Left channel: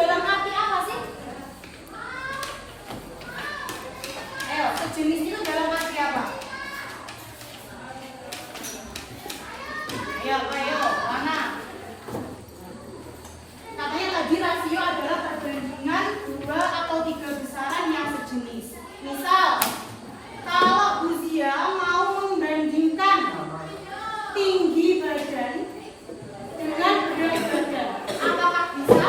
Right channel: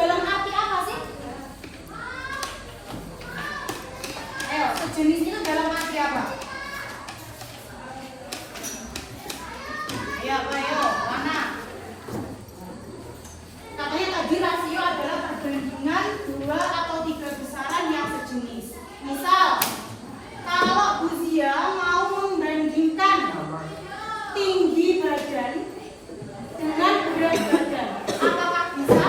dalam arti apa sih? Ayo, sejenis itu dalam arti apa? Ayo, mana? Katanya tadi rasio adalah perbandingan 2 atau 3 besaran yang sejenis. Misal, kalau Bu Zia mau membandingkan tinggi badan dengan berat badan, apakah bisa?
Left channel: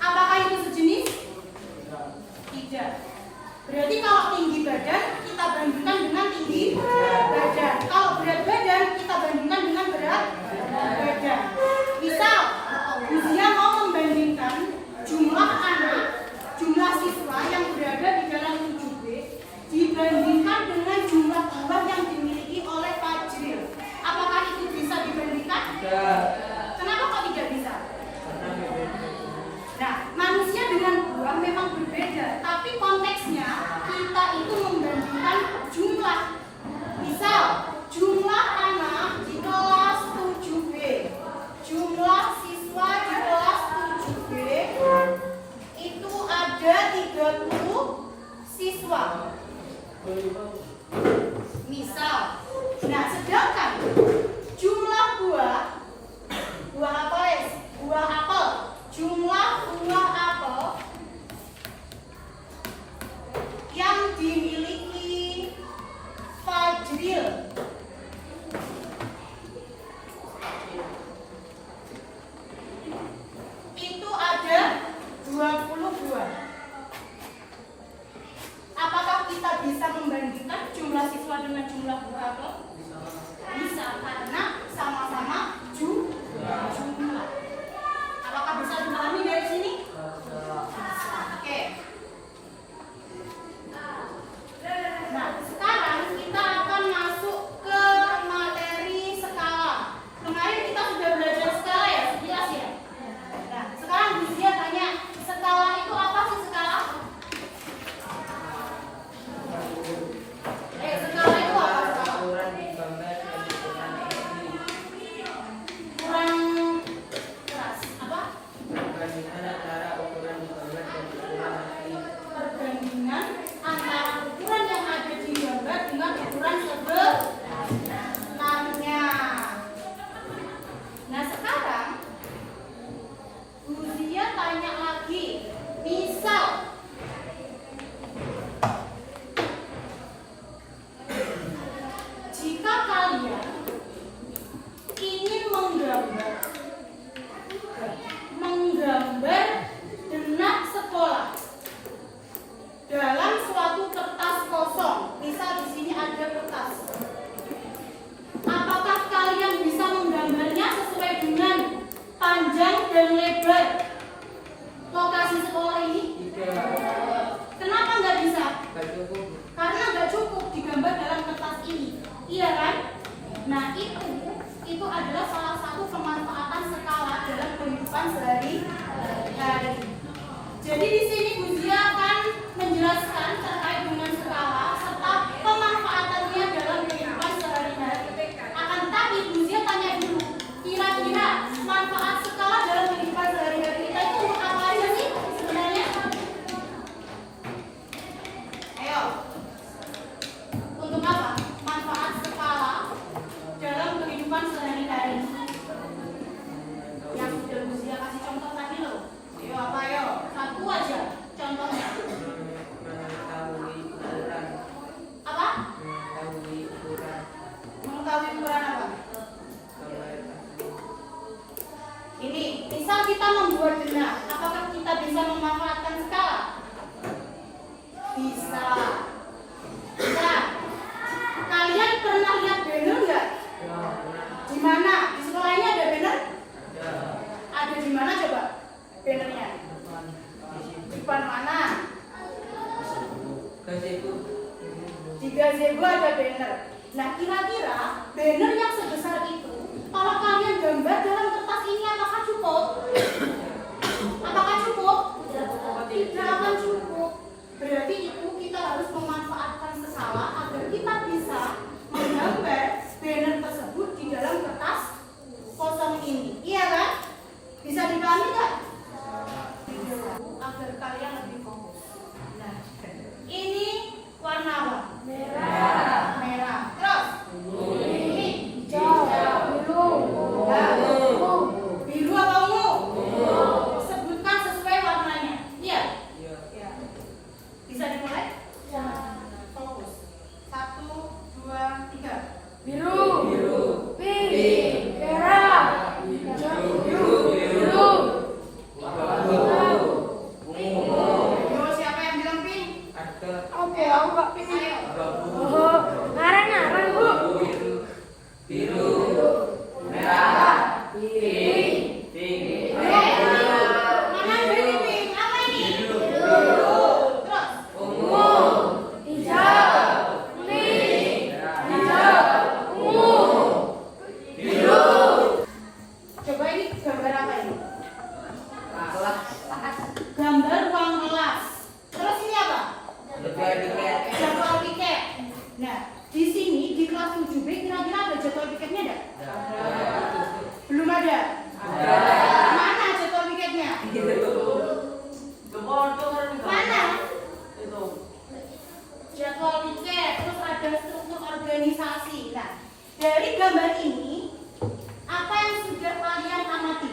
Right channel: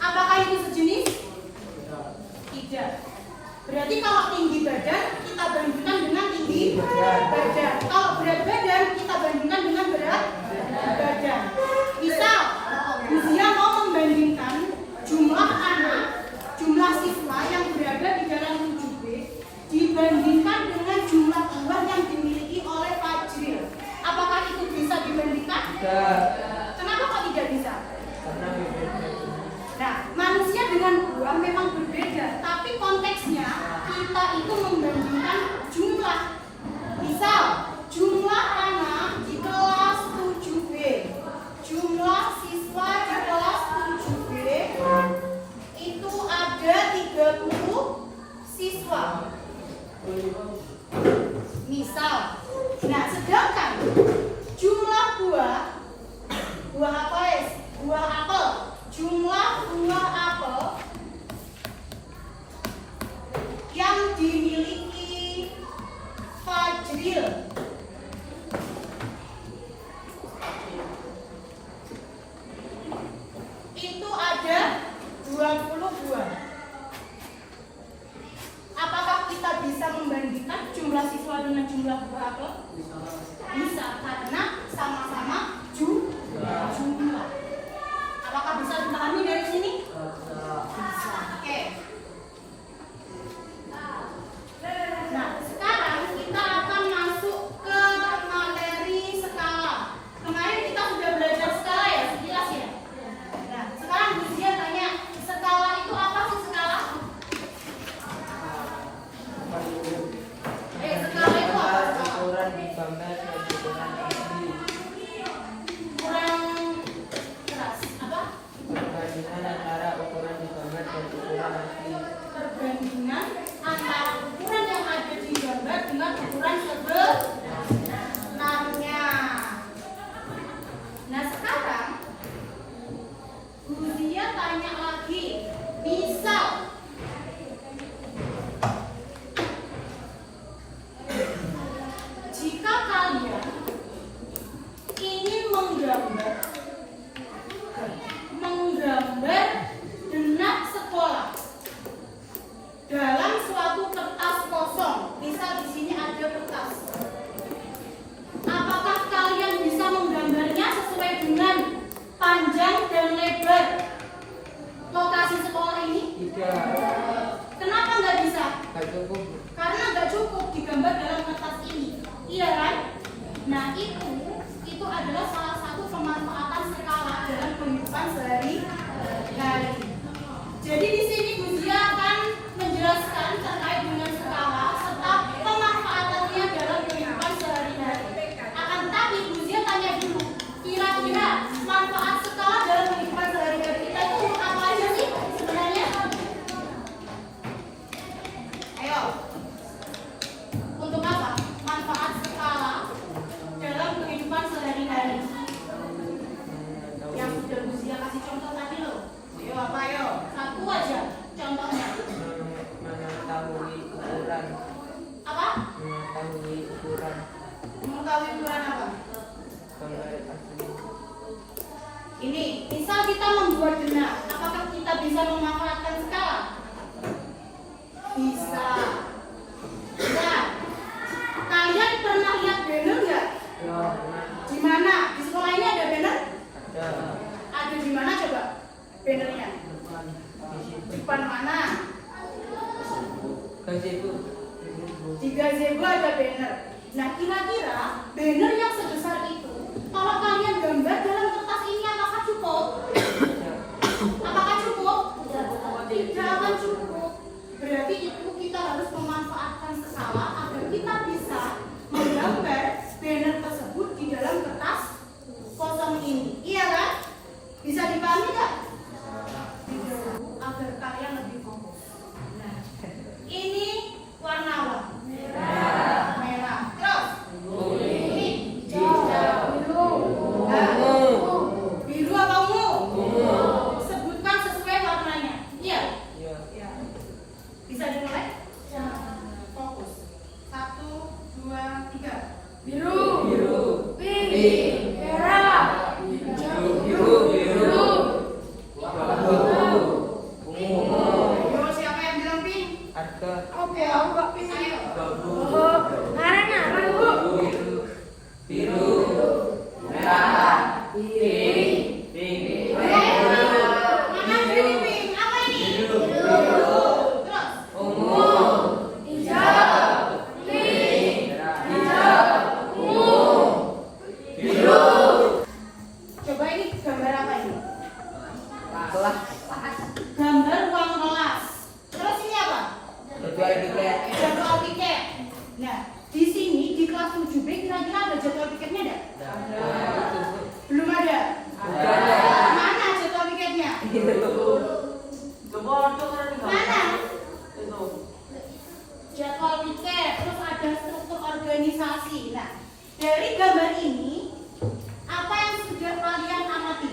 Apakah itu sejenis? Tidak. Berarti kalau tinggi badan kita bandingkan dengan tinggi badan. Kalau berat badan kita bandingkan dengan berat badan. Misal, Bu Zia mau membandingkan jumlah anak, jumlah siswa yang berada di dalam 7B dibandingkan dengan jumlah buah yang dimiliki oleh Fajril. Apakah itu bisa dibandingkan? Tidak. Kenapa kok tidak bisa? Nah, manusia dengan buah memang berbeda, tapi konteksnya kita itu membandingkan jumlah. Misal, jumlah anak di kelas 7B, jumlah siswa di kelas 7B itu ada 30 siswa. Misal, nah sedangkan jumlah buah apa ya? Buah apel, jumlah buah apel yang dimiliki Fajril itu ada 20 buah. Apakah kita bisa membandingkan jumlah siswa dengan jumlah buah apel? Bisa, karena sama-sama jumlah. Apakah bisa dipahami dari sini? Bisa. Oke. Nah, sekarang kita akan masuk ke materi skala. Kemarin kita sudah belajar skala ya, jelas ya? Nah, sekarang dia tanya, skala itu apa sih skala? Skala itu apa? Ukuran digambar dan ukuran asli. Kurang keras. Apa? Perbandingan antara ukuran digambar dan ukuran asli. Perbandingan antara ukuran yang ada di gambar dengan ukuran sebenarnya. Nah sekarang Bu Zia tanya lagi, misal jika kalian ingin menggambar benak sekolah dalam suatu kertas kosong, misal di sini ada kertas. Apakah kalian bisa menggambarnya sesuai dengan panjang dan lebar lokasi sekolah ini? Tidak. Kenapa nggak bisa? Tidak cukup. Karena nggak cukup digambar dalam kertas ini, iya kan? Nah itu adalah salah satu pemanfaatan skala dalam kehidupan sehari-hari. Jadi di sini Bu Zia akan menjelaskan terkait dengan skala serta pemanfaatannya dalam kehidupan sehari-hari. Akan tetapi Bu Zia tanya dulu, kira-kira manfaat skala dalam kehidupan sehari-hari kita itu untuk apa aja sih sebenarnya? Ayo, untuk apa manfaat skala dalam kehidupan sehari-hari? Yang sudah Bu Zia kasih contoh tadi loh. Ayo apa yo? Satu aja contohnya. Mengetahui ukuran. Apa? Mengetahui ukuran. Mengetahui ukuran apa? Gambar asli. Ini, misal kita membuat benak, apakah kita bisa memanfaatkan skala? Bisa. Nah, kalian pernah lihat banner nggak? Ya, Di mana? Di sekolah ini ada banner? ada. Ada di mana coba bannernya? Depan. Di situ. Di depan mana? Ke situ. Di gazebo ada banner. Nah, kira-kira banner yang sebesar itu, kalau kalian gambar dalam kertas ini apakah cukup? Apakah cukup? Tidak akan cukup. Berarti itu kita harus memanfaatkan skala agar kita bisa menggambar banner tersebut di dalam kertas kosong ini. Iya kan? Bisa dipahami nggak? Agar kalian lebih fokus. Nah, ini warna apa? Merah. Merah. Terus? Ini hijau. Biru. Biru apa ungu? Sebutkan sesuai warnanya. Iya. Bisa dimulai? Fokus. 1, 2, 3. Biru. Pink. Merah. Siapa yang bilang pink? Oke, aku nggak pink. Coba ini gambar apa ini? Gambar ruang kelas. Terus ini apa? Jadwal tiket. Nah, di sini di kelas 7B kira-kira ada jadwal tiketnya enggak? Belum ada. Mana jadwal tiketnya? Mana? Jadwal tiket. Terus ada struktur organisasi. Nah, dari gambar ini apa yang sudah kalian amati?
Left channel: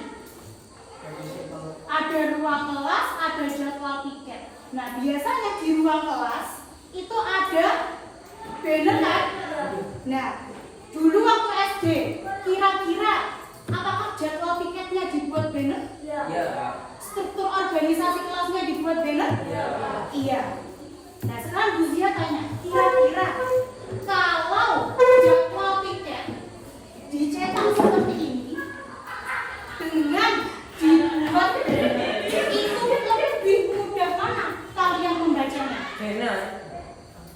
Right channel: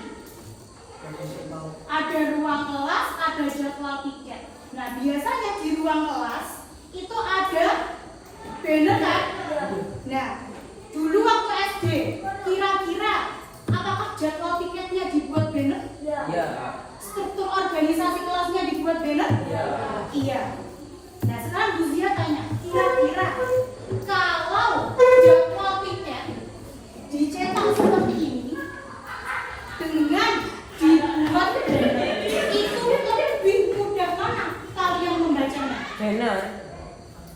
Ada ruang kelas, ada jadwal tiket. Nah, biasanya di ruang kelas itu ada banner kan? Nah, dulu waktu SD, kira-kira apakah jadwal tiketnya dibuat banner? Struktur organisasi kelasnya dibuat banner? Iya. Nah, sekarang Bu Zia tanya, kira-kira kalau jadwal tiket dicetak seperti ini dengan dibuat itu lebih mudah mana kalian membacanya?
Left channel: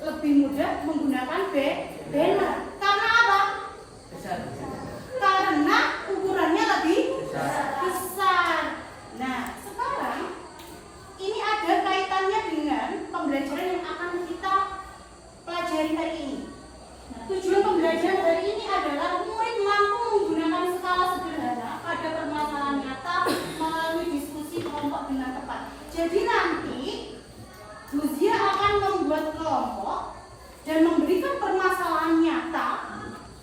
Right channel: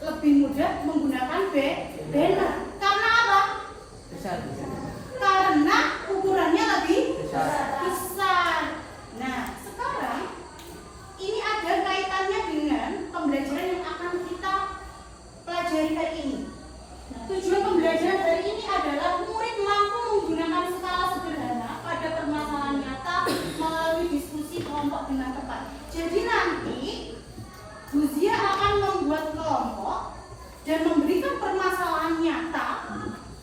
Lebih mudah menggunakan banner. Karena apa? Karena ukurannya lebih besar. Nah, sekarang ini ada kaitannya dengan pembelajaran yang akan kita pelajari hari ini. Nah, tujuan pembelajaran hari ini adalah murid mampu menggunakan skala sederhana pada permasalahan nyata melalui diskusi kelompok dengan tepat. Jadi nanti Bu Zia akan membuat kelompok dan memberikan permasalahan nyata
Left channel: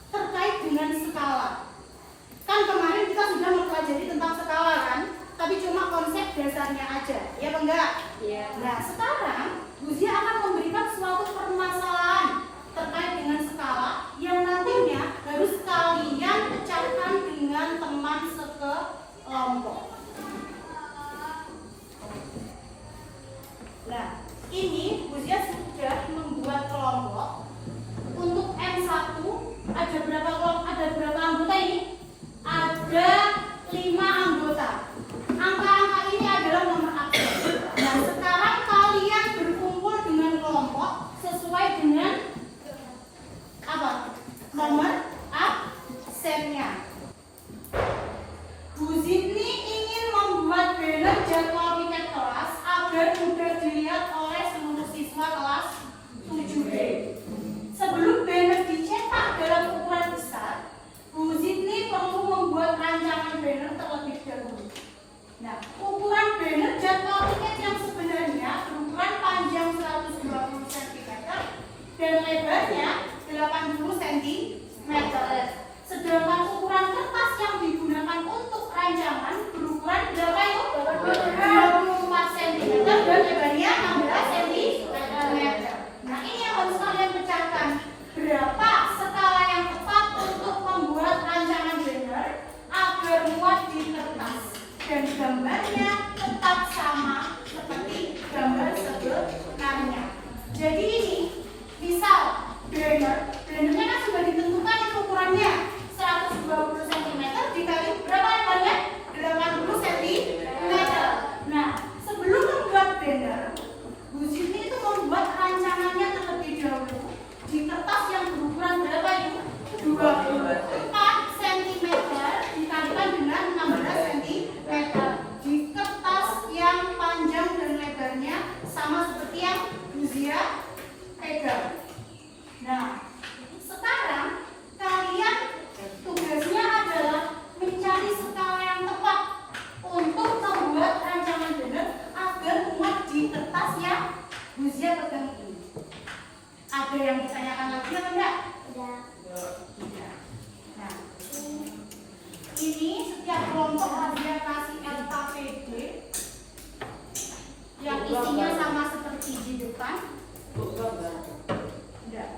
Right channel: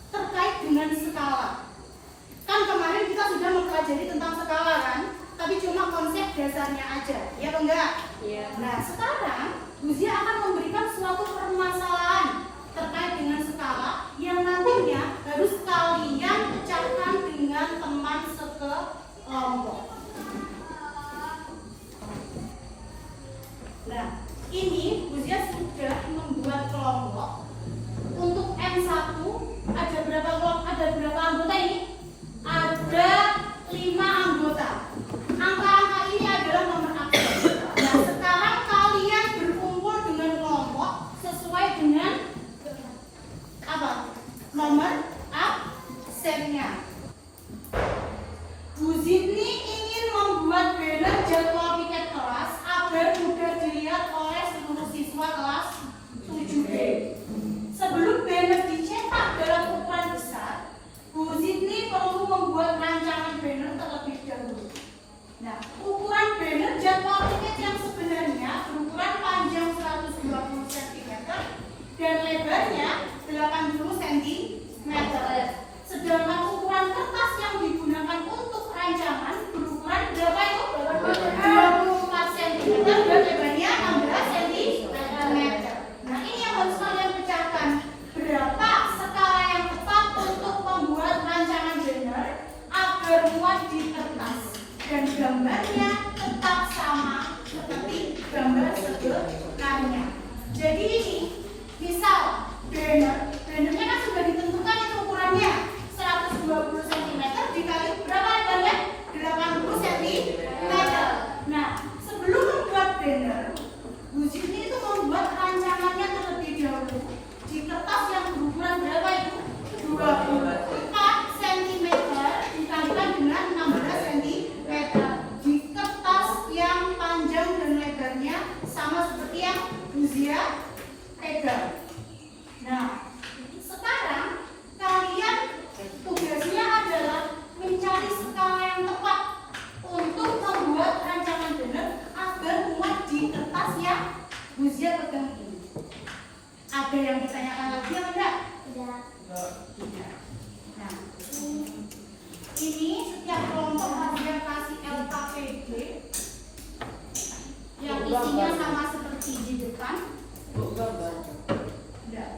terkait dengan skala. Kan kemarin kita sudah mempelajari tentang skala kan? Tapi cuma konsep dasarnya aja, ya apa enggak? Iya. Nah, sekarang Bu Zia akan memberikan suatu permasalahan terkait dengan skala yang nantinya harus kalian pecahkan dengan teman sekelompok. Nah, ini Bu Zia sudah membuat kelompok. Untuk M1 ada berapa kelompok? Ada berapa anggota ini? Ada 5 anggota. Angka-angka ini adalah nomor absen. Nah, sekarang kalian berkumpul dengan kelompok sesuai dengan apa? Nomor absennya. Bu Zidni ingin membuat banner jadwal tiket kelas agar mudah dilihat oleh seluruh siswa kelas 7B. Sebelum banner dicetak dalam ukuran besar, Bu Zidni perlu membuat rancangan banner terlebih dahulu. Nah, ukuran banner jadwal tiket yang sebenarnya berukuran panjang 120 cm dan lebarnya 80 cm. Sedangkan ukuran kertas yang digunakan untuk rancangan berukuran berapa itu? 24 cm dan lebarnya 16 cm. Nah, ini yang harus kalian pecahkan. Berapa skala yang tepat untuk membuat rancangan banner agar muat di kertas dan gambarnya tetap sama seperti gambar sebelumnya. Jadi ini misal bannernya kan sudah ditentukan itu ukurannya 120 cm dikali berapa lebarnya? 80 cm. Nah, sebelum membuat banner, Bu Zidni itu membuat rancangannya terlebih dahulu di kertas yang berukuran berapa itu? 24 cm dikalikan dengan 16 cm di kertas yang panjang dan lebarnya sama seperti yang Bu Zia pegang. Nah, sekarang yang ditanyakan lagi apa enggak? Nah, ini setiap kelompok dia kasih LKPD yang isinya sama seperti di depan. Enggak.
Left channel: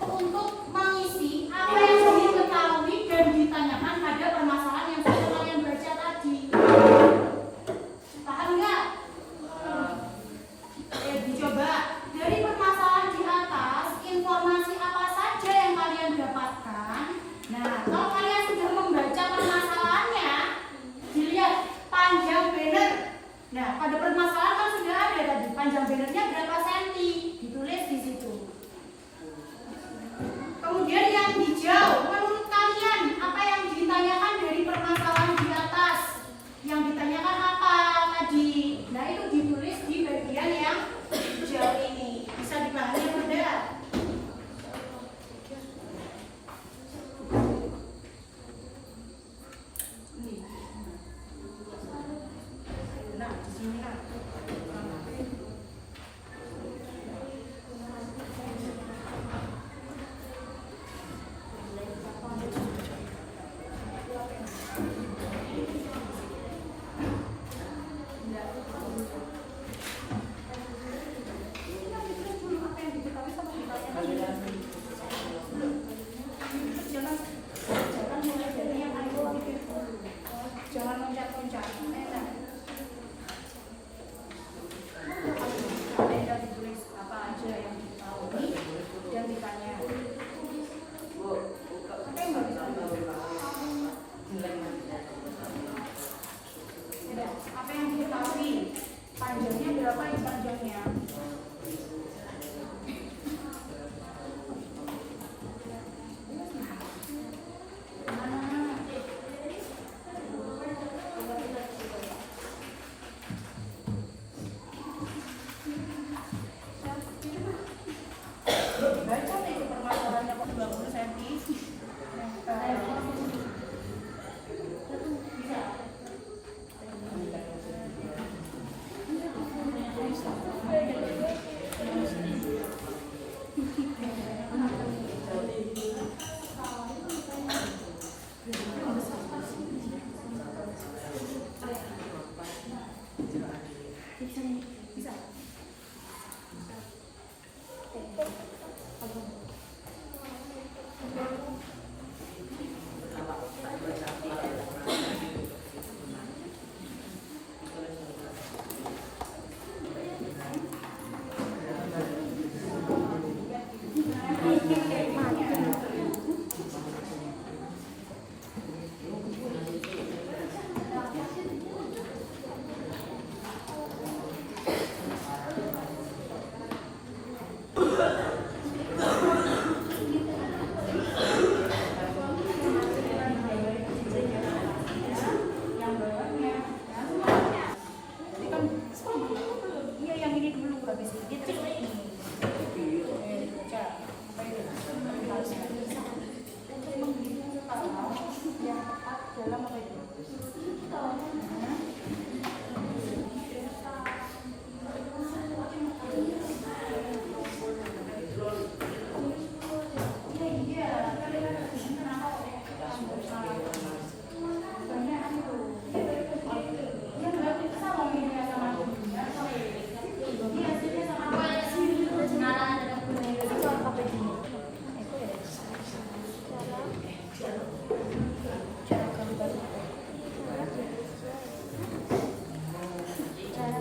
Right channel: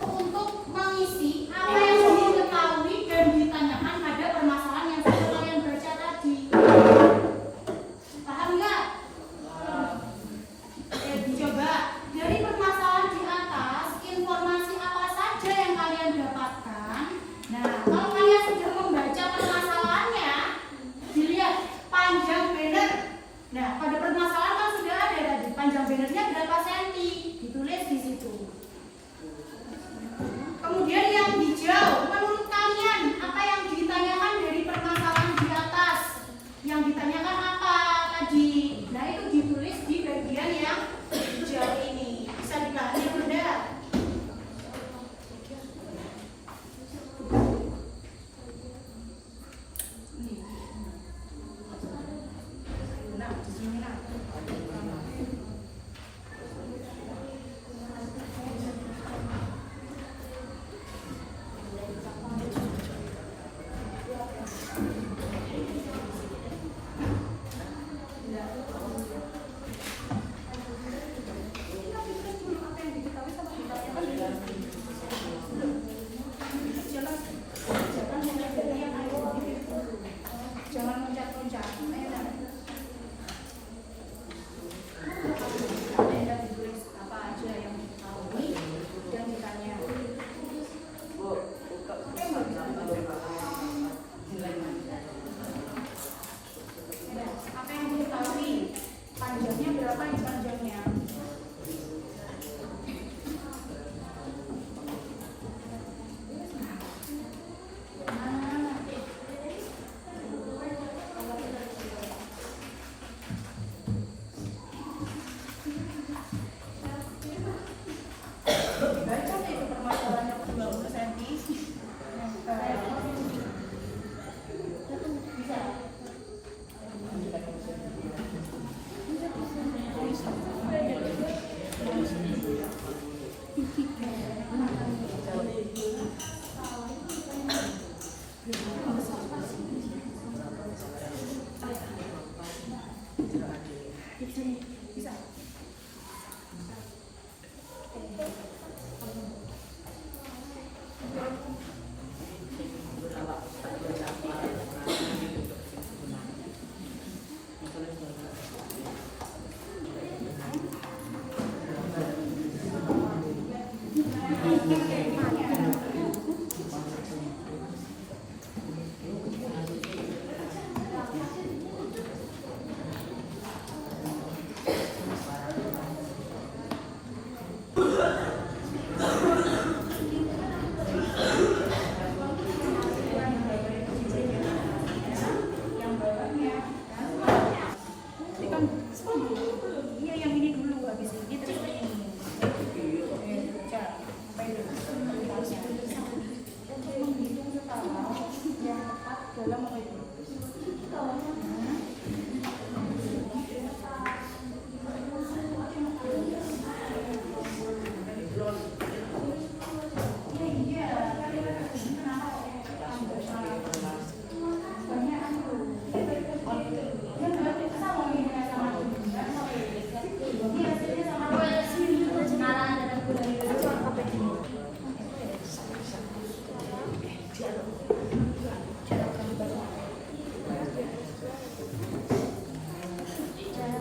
Untuk mengisi apa yang sudah diketahui dan ditanyakan pada permasalahan yang sudah kalian baca tadi. Paham nggak? Coba dari permasalahan di atas, informasi apa saja yang kalian dapatkan. Nah, kalau kalian sudah membaca permasalahannya, dilihat panjang banner. Nah, pada permasalahan kan sudah ada tadi panjang bannernya berapa senti, ditulis di situ. Kemudian yang hijau, menurut kalian apa yang ditanyakan dari permasalahan di atas? Yang ditanyakan apa tadi? Nah, itu ditulis di bagian yang hijau ini. Bisa dipahami benda? Nah, di sini nah. Jangan mencap-mencap. Ada ditulis apa aja yang diketahui dan ditanya. Apa yang harus apa yang diketahui? Panjangnya berapa yang panjangnya? Baca itu permasalahannya 20 cm. Bisa.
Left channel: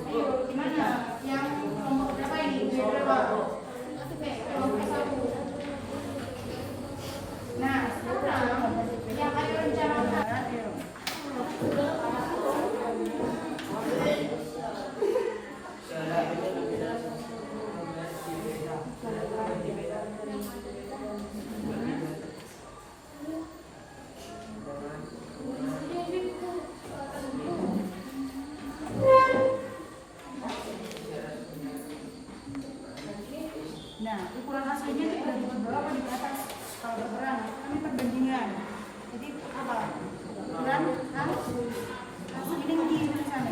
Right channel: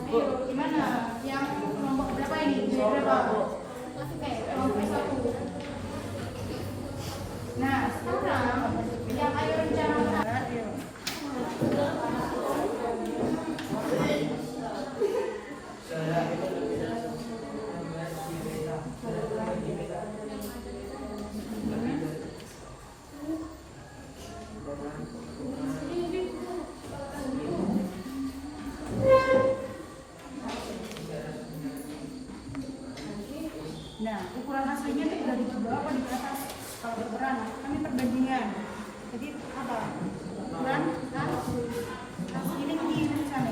Ayo, gimana? Yang nomor berapa ini? Berapa? Oke, nomor 1. Nah, sekarang yang ayo rencanakan. Ayo. Nah, ukuran aslinya itu udah di bawah apa di atas? Kalau ukuran, kami perbandingan. Jadi apa? Ukuran asli ini di sana.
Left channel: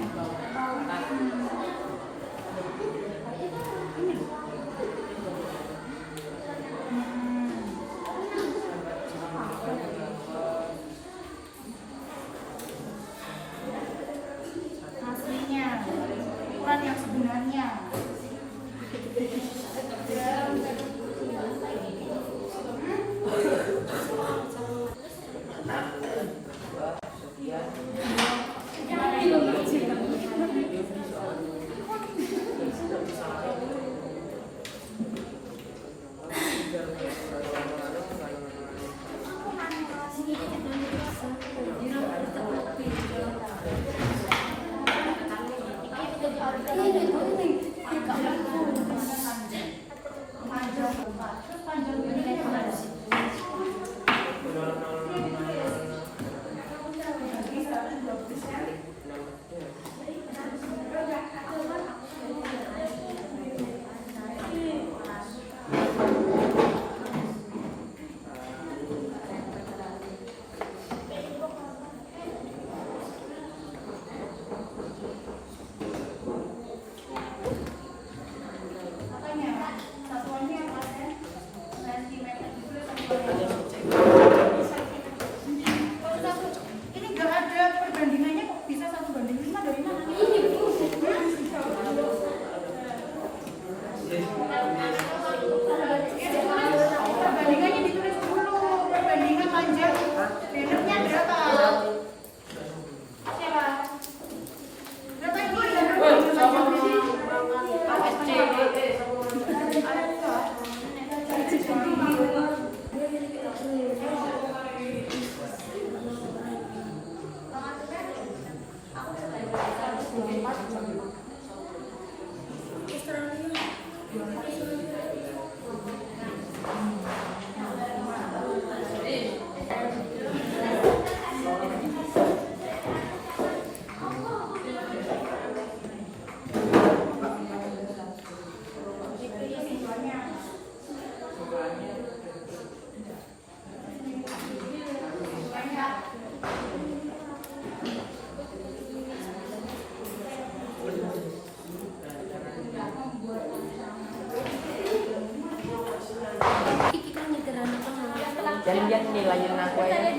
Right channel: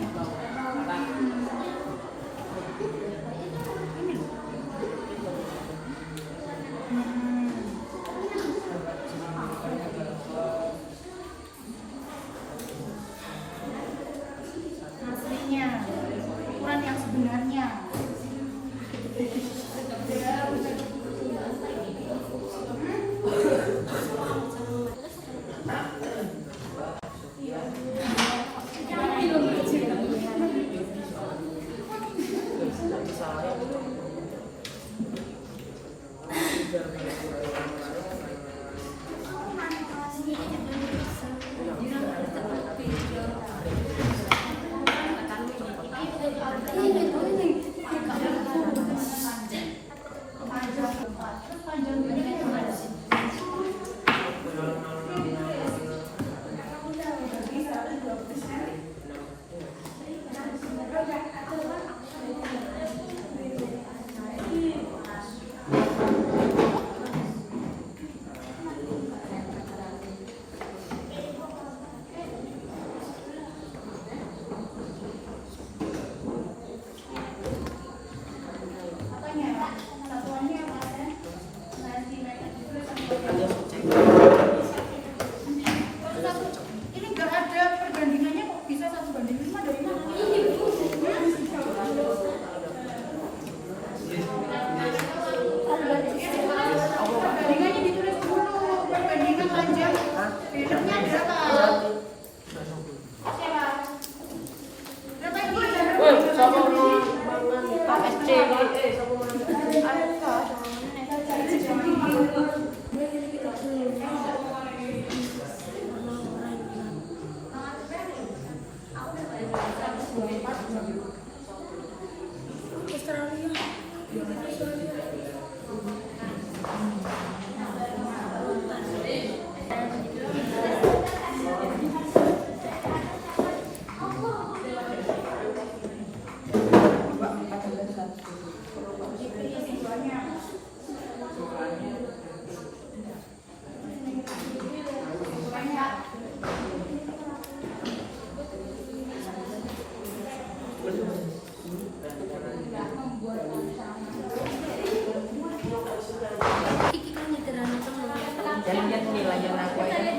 Aslinya, ukuran yang sebenarnya. Ini nggak ada perbandingannya kok bisa 1:5 dari mana? Perbandingannya ditulis dulu, perbandingan panjang pendeknya berapa? Berapa ini? Jangan lihat nilainya aku ya.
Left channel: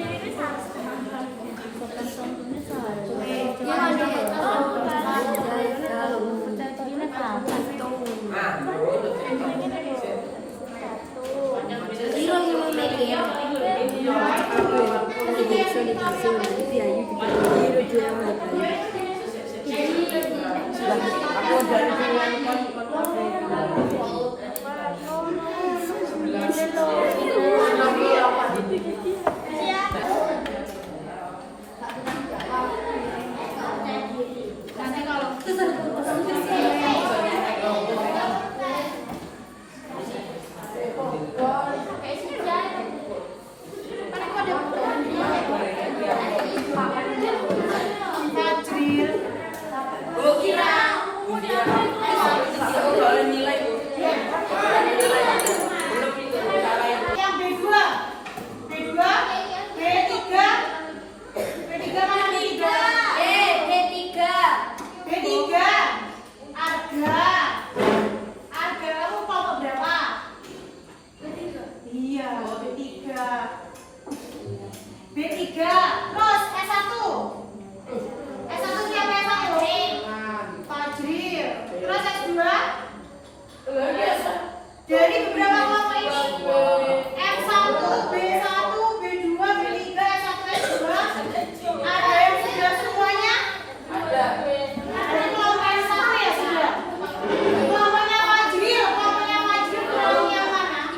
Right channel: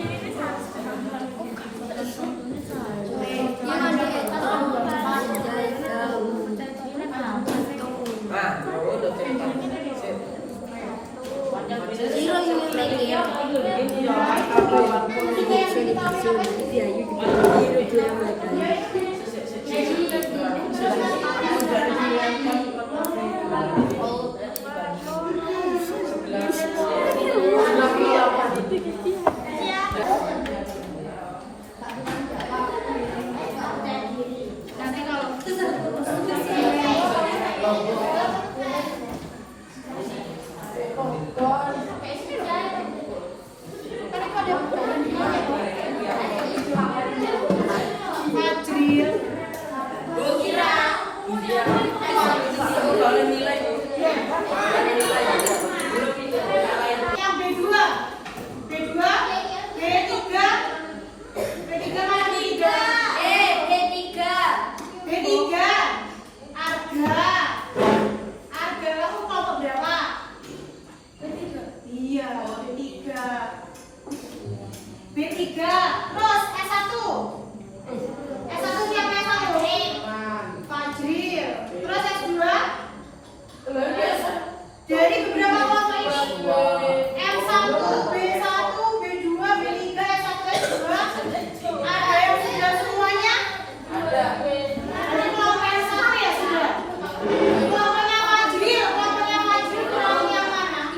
Kelompoknya Majril, kelompoknya Majril kurang yang mana?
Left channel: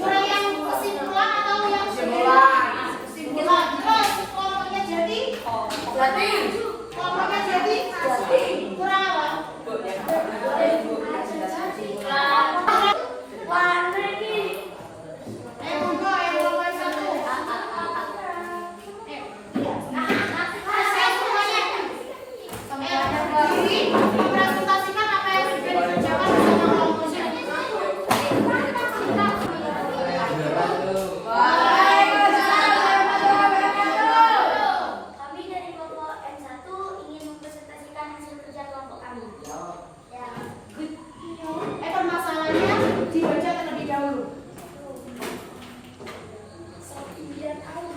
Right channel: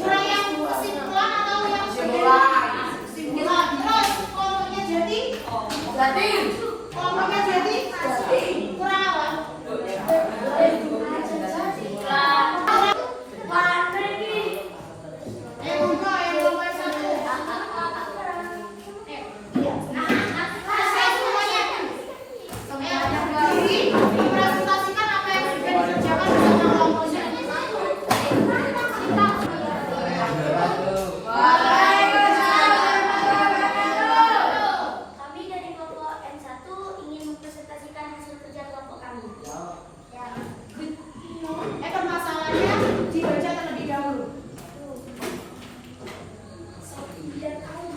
Kurang yang kesimpulan atau yang kesimpulan? Terus kelompoknya Jati? Kelompoknya Jati? Kurang apa? Mempresentasikan apa yang sudah dikerjakan oleh kelompok Jati. Kami dari kelompok N1 ingin mempresentasikan hasil kerja kelompok kami. Ya. Permasalahannya dibaca terlebih dahulu. Saya tidak tahu.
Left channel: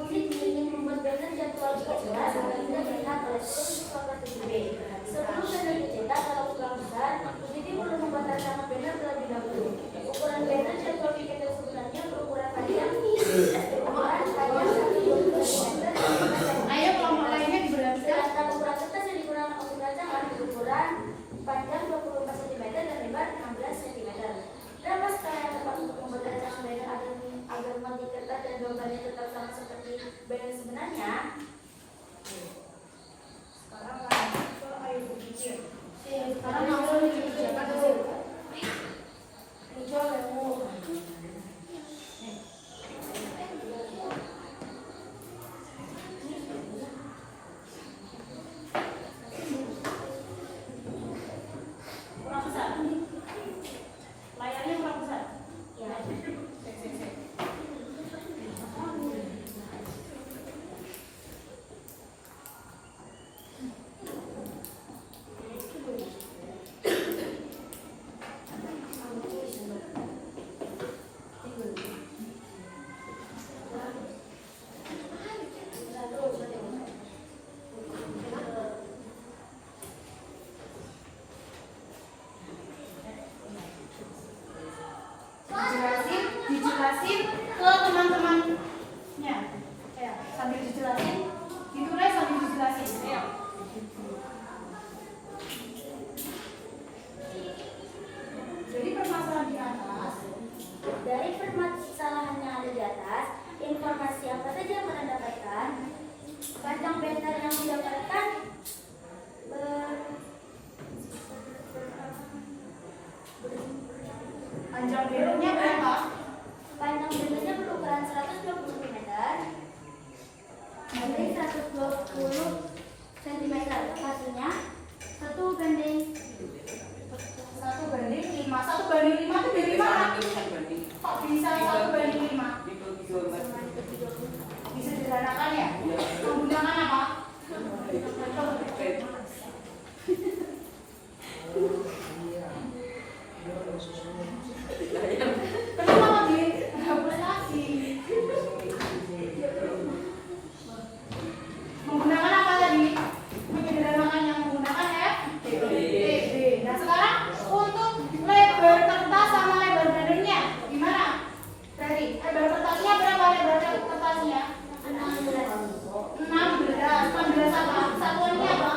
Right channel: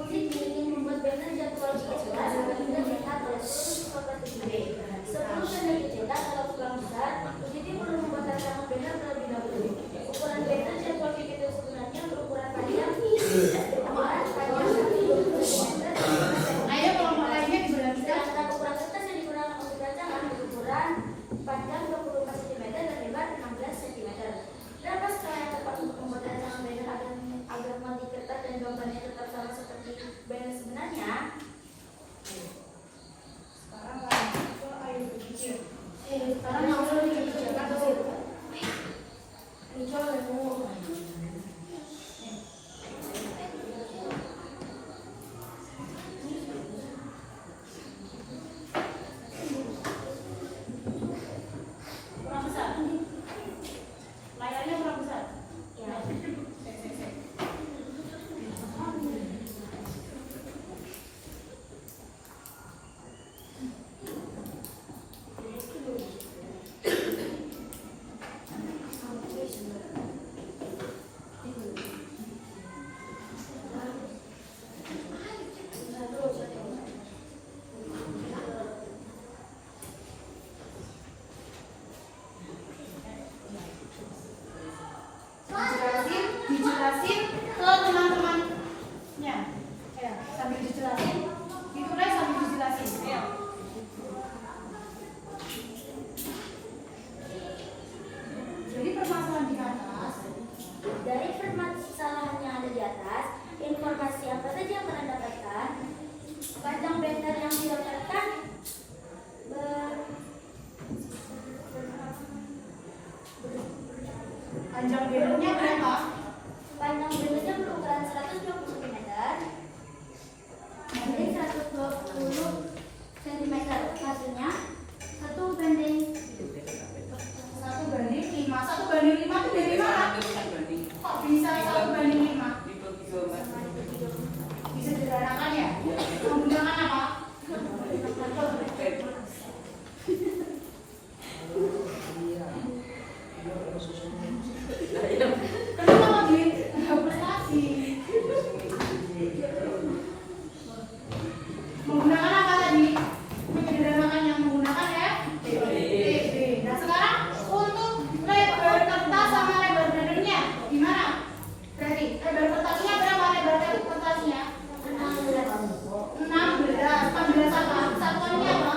Mungkin ingin membuat banner jadwal dicetak agar mudah dicetak oleh seluruh siswa kelas 7B. Sebelum banner dicetak kalau kurang besar, Mujidi perlu membuat rancangan banner terlebih dahulu. Ukuran banner jadwal dicetak sebenarnya berukuran panjang 20 cm. Ayo kelompok lainnya dijelaskan. Sedangkan ukuran kertas yang digunakan untuk rancangan berukuran panjang 24 cm dan lebar 16 cm. Berapa skala yang tepat untuk membuat rancangan banner agar mandi kertas dan gambarnya tetap sama seperti banner sebenarnya? Sekarang langsung dikerjakan dulu. Kurang besar. Layarnya kurang besar. Ya. Dijelasin ke teman-temannya. Ya, sambil dijelasin. Gitu guys, sambil dijelasin. Ya. Jadi permasalahan di atas. Dari permasalahan yang ada di atas, informasi apa saja yang Anda dapatkan? Panjang banner yang didapatkan Panjang bannernya berapa? panjang bannernya berukuran 120 cm, banding 120 cm, hasilnya 1:5. 1:5. 1:5 itu dari mana? Kok bisa 1:5? Disederhanakan ya? Menggunakan apa? Kenapa dihapus lagi? Menggunakan apa tadi? Menyederhanakan yang menggunakan FDB. Nah sekarang untuk lebar kertas sama lebar bannernya gimana? Berarti lebar kertasnya berapa? Lebar kertasnya 16 apa? Satuannya apa?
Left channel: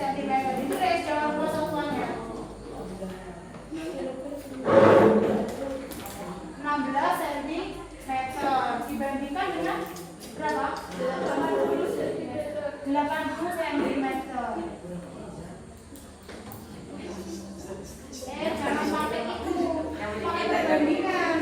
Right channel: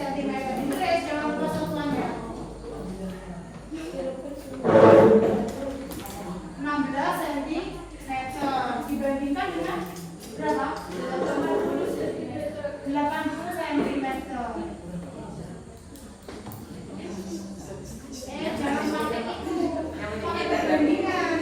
Sentimeter. Jadi guys jangan lupa satuannya. 16 cm dibandingkan dengan berapa? 80 cm. Jangan pakai itu, pakai perbandingan.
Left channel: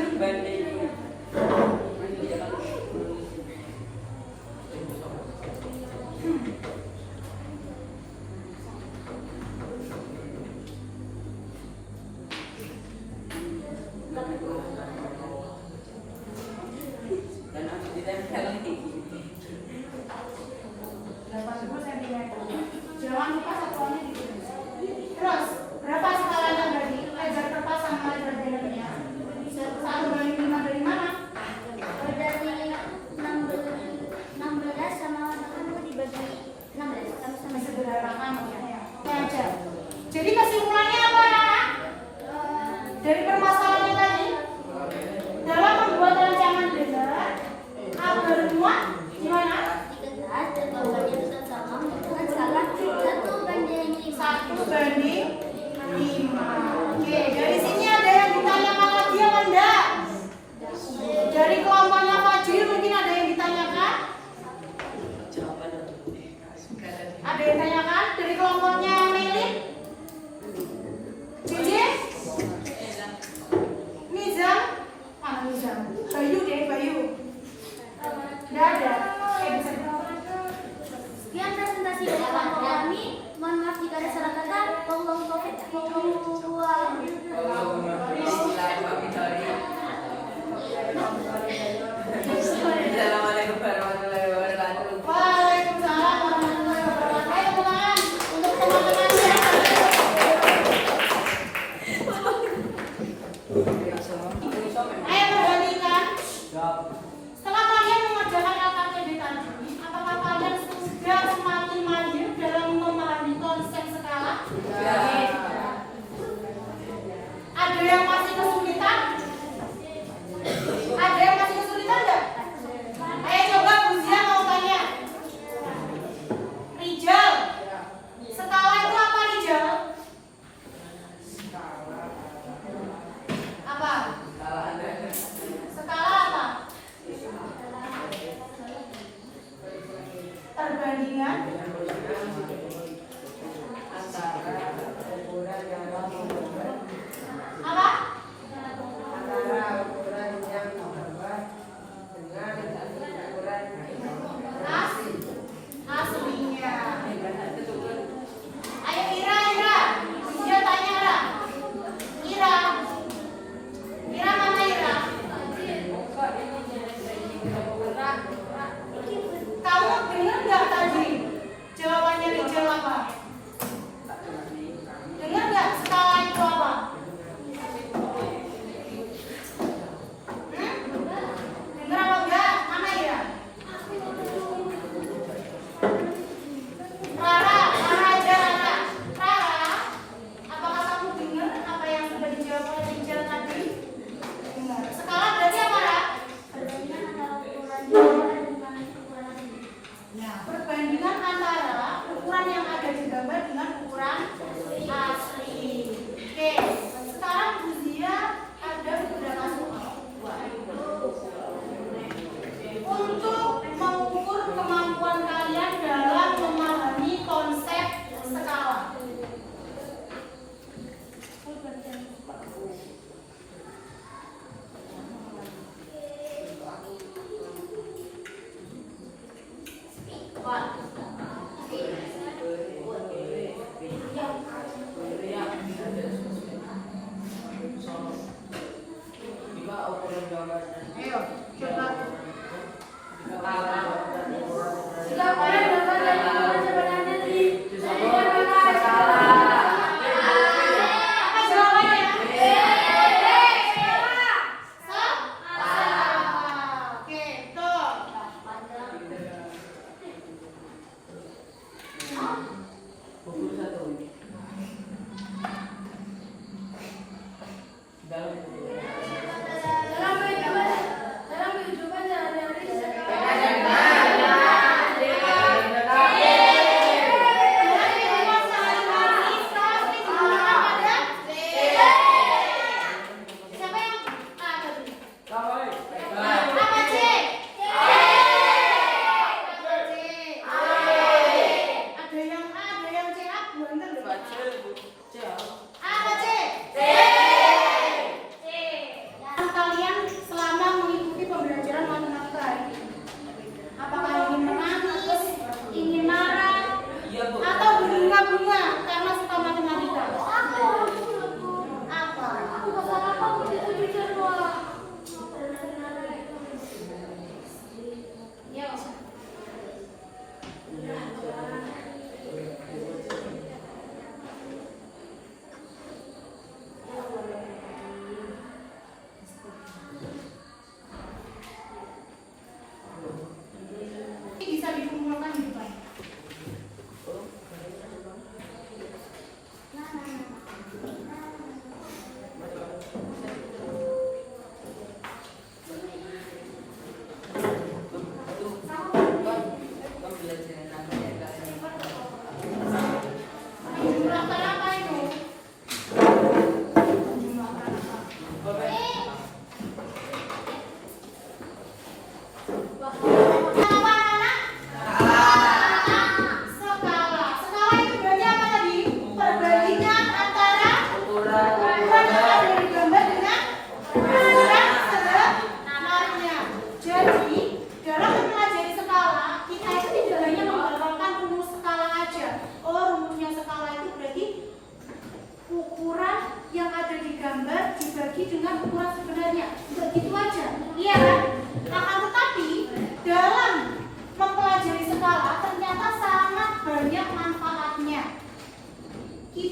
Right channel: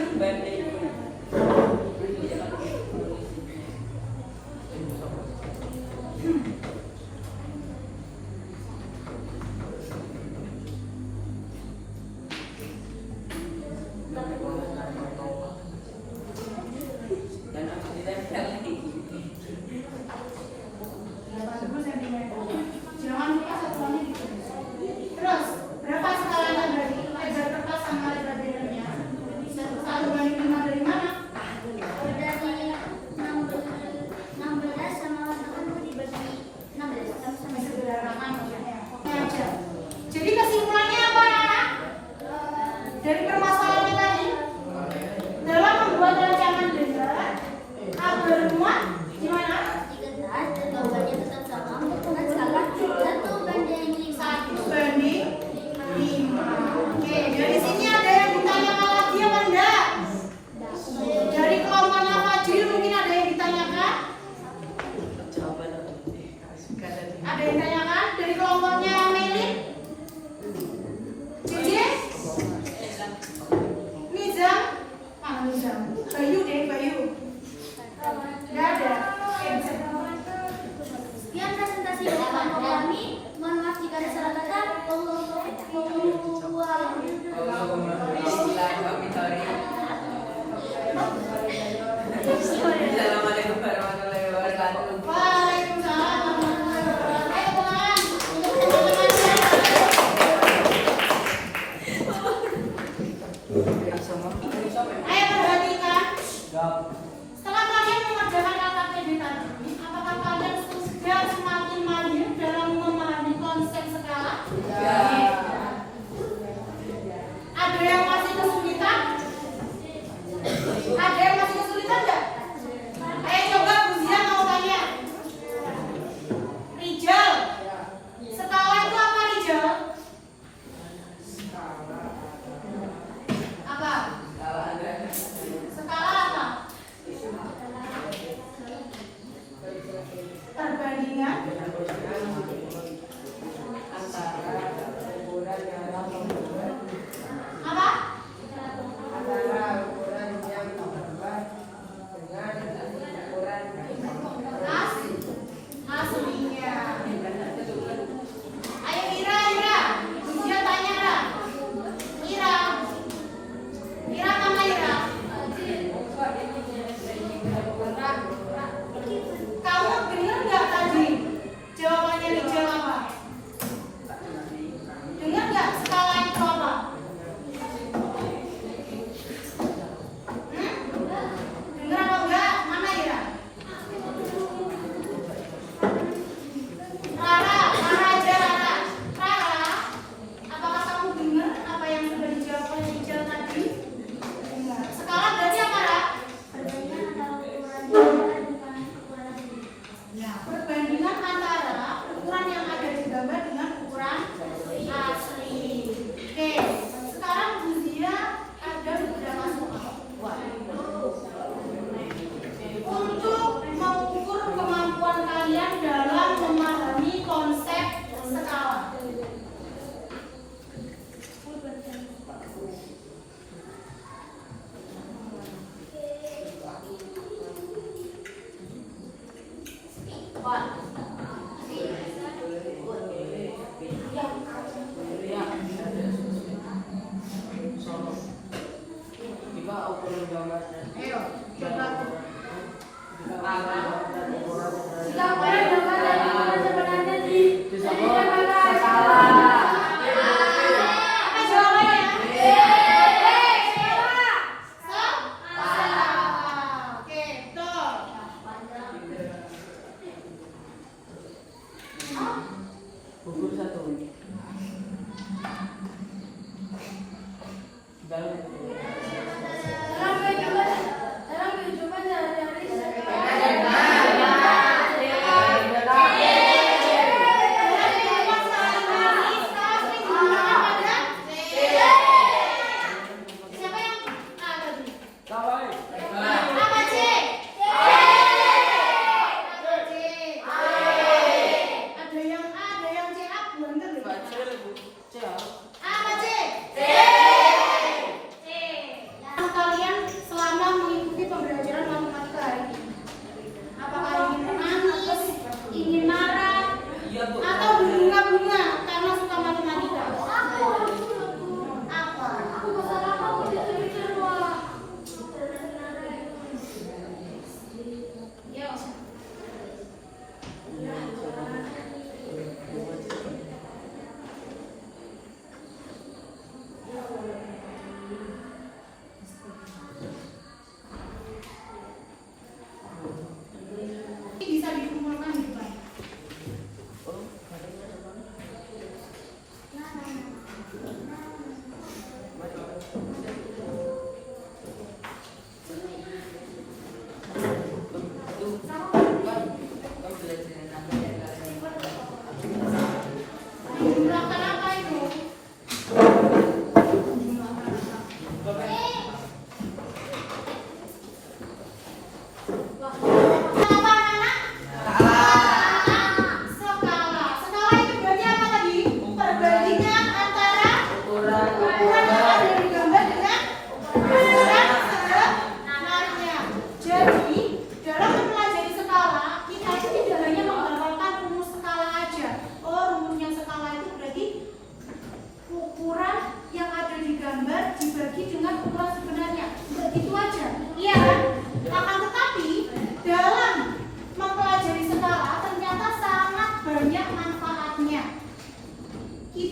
Dan aku tidak lagi. 80 cm. Jangan lupa satuannya gitu. Terus berapa skalanya tadi? Lebar kertas sama lebar bannernya. 1:5 dari mana? Dari 16 sama 80 dibagi 16 sama-sama Sederhanakan ya. Oke aja. Jadi kesimpulannya apa ya? Dari permasalahan tadi, dalam membuat rancangan banner agar muat gimana? Assalamualaikum warahmatullahi wabarakatuh. Waalaikumsalam warahmatullahi wabarakatuh. Ayo teman, untuk teman-temannya. Ayo berbandingkan. Setelah kalian mengerjakan KKP tadi, apakah kalian sudah semakin mahir dalam memahami konsep skala? Ada yang masih kesulitan? Ada yang masih kesulitan enggak? Ayo coba Bu Zia mau tanya. Rijal, skala itu apa Rijal? Apa? Skala apa? Perbandingan apa? Aslinya. Ayo Ira. Dia tanya Ira. Ira mana Ira? Kamu dengar nggak tadi jawabannya Rijal apa? Dengar nggak skala itu apa? Dengar apa enggak? Mana Ira? Rara, apakah kamu dengar apa yang sudah dijawab oleh Rijal tadi? Dengar. Skala berarti apa, Ra? Ya, perbandingan antara ukuran yang ada di gambar dengan ukuran asli. Oke, sekarang Bu Zia ada beberapa soal. Untuk mengukur kemampuan kalian dalam memahami konsep skala. Ayo, coba. Apa jawabannya? Oke, tuh. Pukul 1. Kalian selama mengikuti pembelajaran matematika ini, apakah ingin menangis, ingin marah, atau berbunga-bunga karena suka matematika? Apa? Ya, bisa dikumpulkan di depan. Jumlah apa itu? Apa anak-anak? Skala. Skala itu berarti apa tadi? Perbandingan antara ukuran yang ada di gambar dengan ukuran sebenarnya. Jadi dalam mempelajari skala, kita itu tidak hanya menghafalkan rumus skala aja. Oh, rumusnya skala itu berarti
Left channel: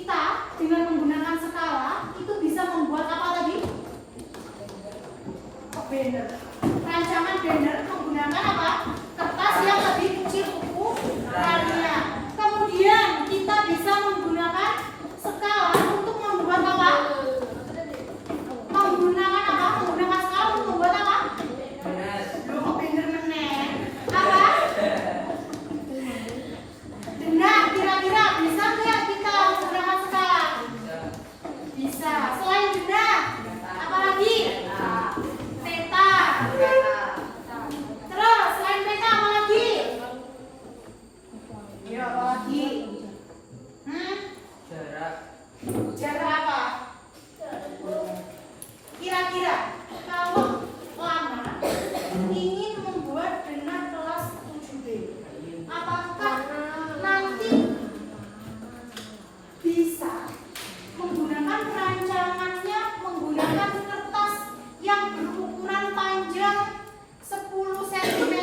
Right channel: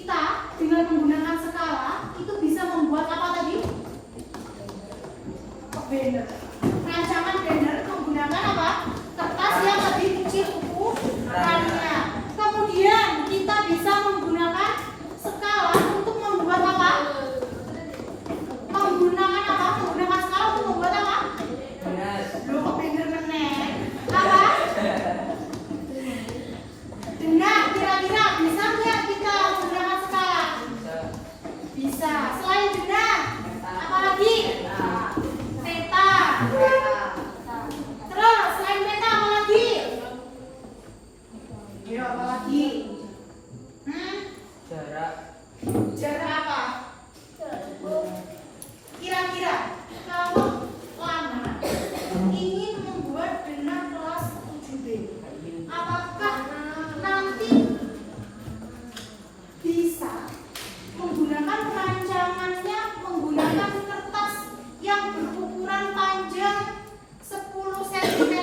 kita dengan menggunakan skala itu bisa membuat apa tadi? Banner. Rancangan banner menggunakan apa? Kertas yang lebih kecil ukurannya. Kemudian kita bisa menggunakan skala untuk membuat apa? Menggunakan apa? Menggunakan skala untuk membuat apa? Loh, banner meneng. Apa? Benar, kira-kira bisa nggak kita menggunakan skala? Bisa. Selain benar, apa lagi? Peta. Terus selain peta apa lagi? Ya apa lagi? Jarak apa? Kira-kira kalau Lana ingin membuat dengan kelas 7B, apakah nanti bisa menggunakan rancangannya menggunakan kertas yang berukuran panjang 10 cm,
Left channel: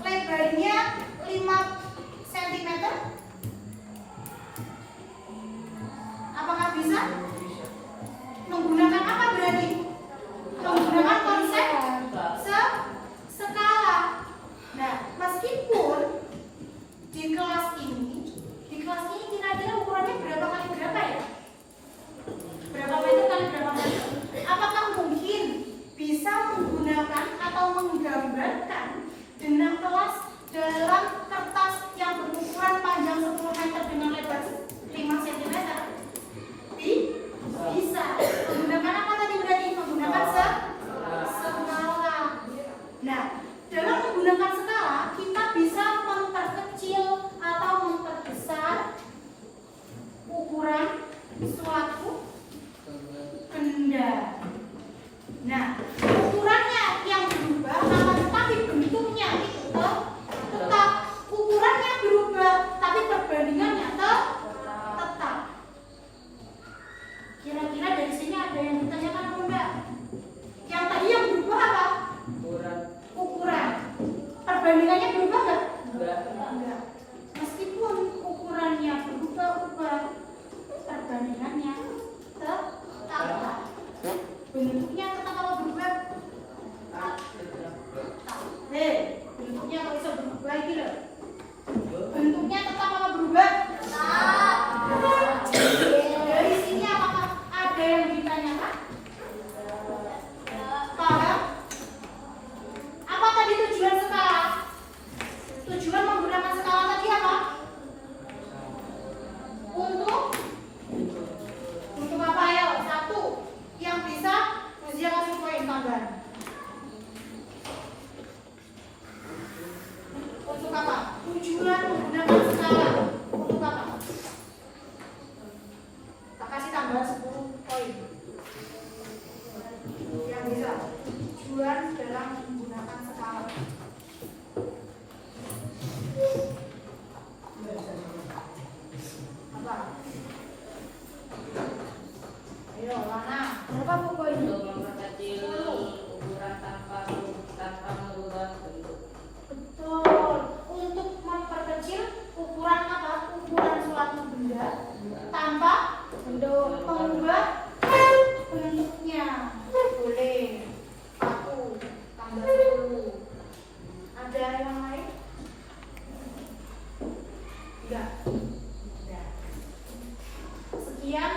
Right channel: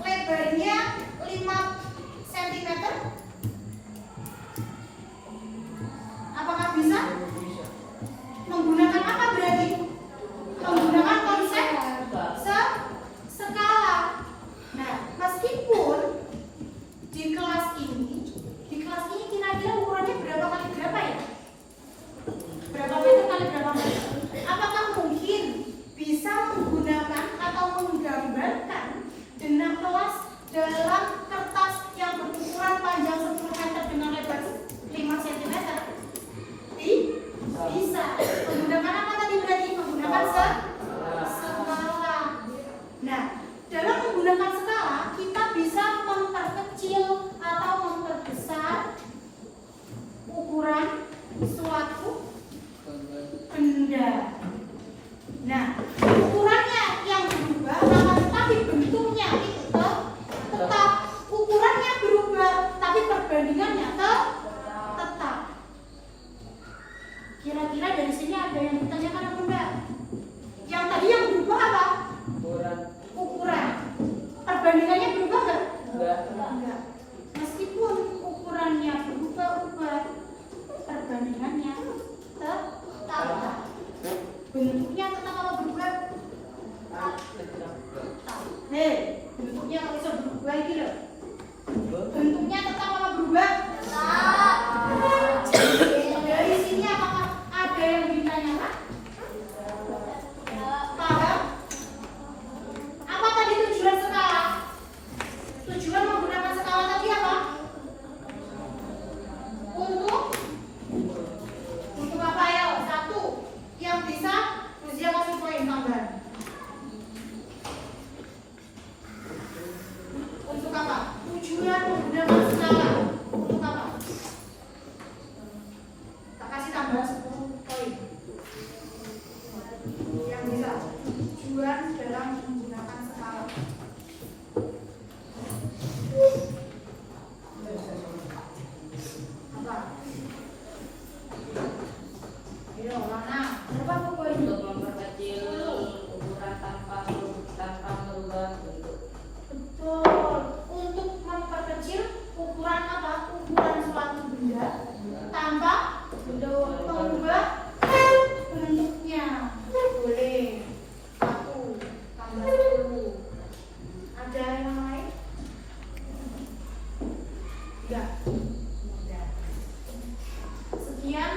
lebarnya 5 cm? Apakah bisa? Menggunakan apa berarti? Menggunakan konsep skala. Nah, meskipun di kelas ini kira-kira ukurannya berapa kali berapa ya? Berapa meter kali berapa meter? Apakah mungkin bisa menggunakan atau menggambarkan dengan kelas dalam kertas yang berukuran panjang 10 meter dengan lebar 5 cm? Bisa. Menggunakan apa tadi berarti? Menggunakan skala. Nah, dalam menggunakan skala kita bisa memperkecil atau memperbesar ukuran suatu benda. Nah, ukurannya yang berubah, tapi bentuknya itu tetap. Ukurannya berubah, tapi perbandingannya tetap. Kira-kira dari sini ada yang ditanyakan apa enggak? Yang tadi yang berubah apa? Ukuran. Perbandingannya berubah enggak? Enggak. Meskipun ukurannya berubah-ubah, perbandingannya tetap. Bentuknya tetap apa berubah? Hei, bentuknya kalau bisa berubah lagi loh. Bentuknya tetap apa berubah? Dari sini apakah ada yang ditanyakan? Paham? Apa tadi tujuan skala? Tujuan menggunakan skala tadi apa? Untuk apa ya? Satu, yang bisa usia kasih poin tambahan. Untuk apa? Tujuan menggunakan skala. Untuk apa? Tak kasih tambahan 10 poin. Yang bisa tujuan dalam menggunakan skala. Apa? Ayo, mana? Berapa poin? Memperkecil ukuran tanpa merubah bentuk. Betul. Untuk memperkecil ukuran apa? Ukuran suatu benda tanpa mengubah bentuknya. Boleh. 1 tambah 10. Ada yang lain? Enggak. Sekian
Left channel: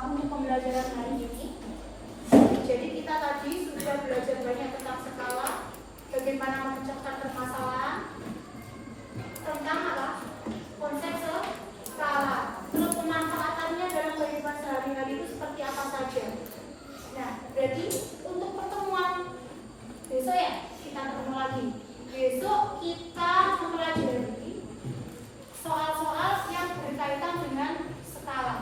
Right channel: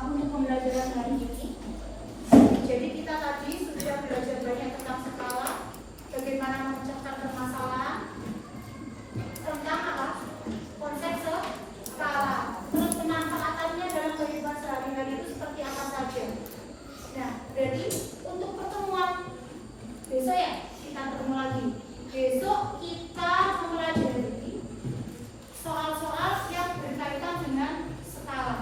untuk pembelajaran hari ini. Jadi kita tadi sudah belajar banyak tentang skala, bagaimana memecahkan permasalahan, tentang apa? Konsep skala. Terus pemanfaatannya dalam kehidupan sehari-hari itu seperti apa saja. Nah, jadi untuk pertemuan besok ya kita ketemu lagi. Besok kita mempelajari soal-soal yang berkaitan dengan skala.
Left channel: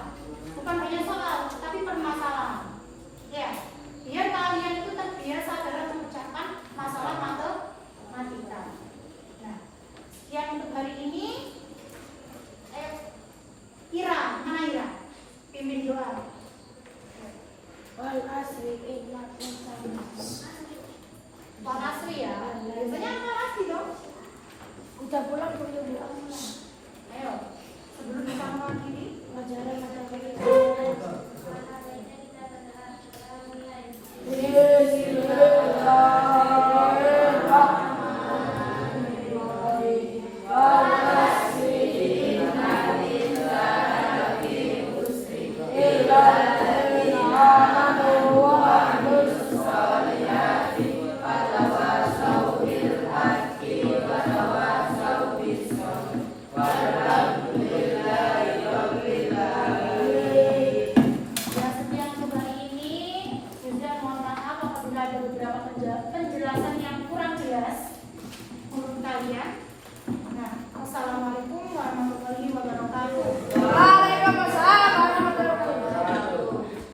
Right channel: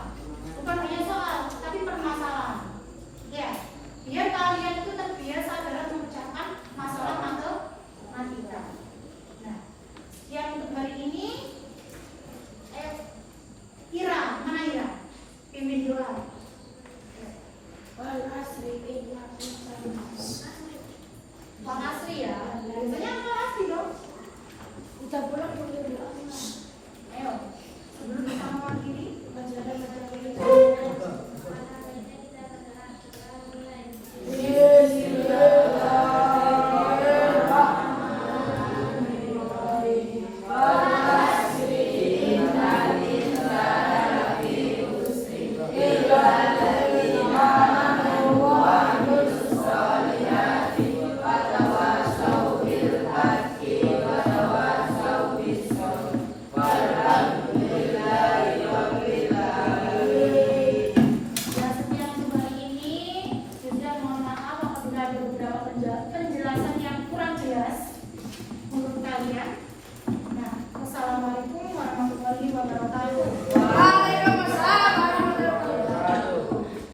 Bukan hanya soal, tapi permasalahan. Ya, biar kalian itu terbiasa dalam memecahkan masalah matematika. Nah, sekian untuk hari ini. Ira, mana Ira? Pimpin doa. Pak Asri ya. Biasanya apa Asri dong? Udah pulang dulu.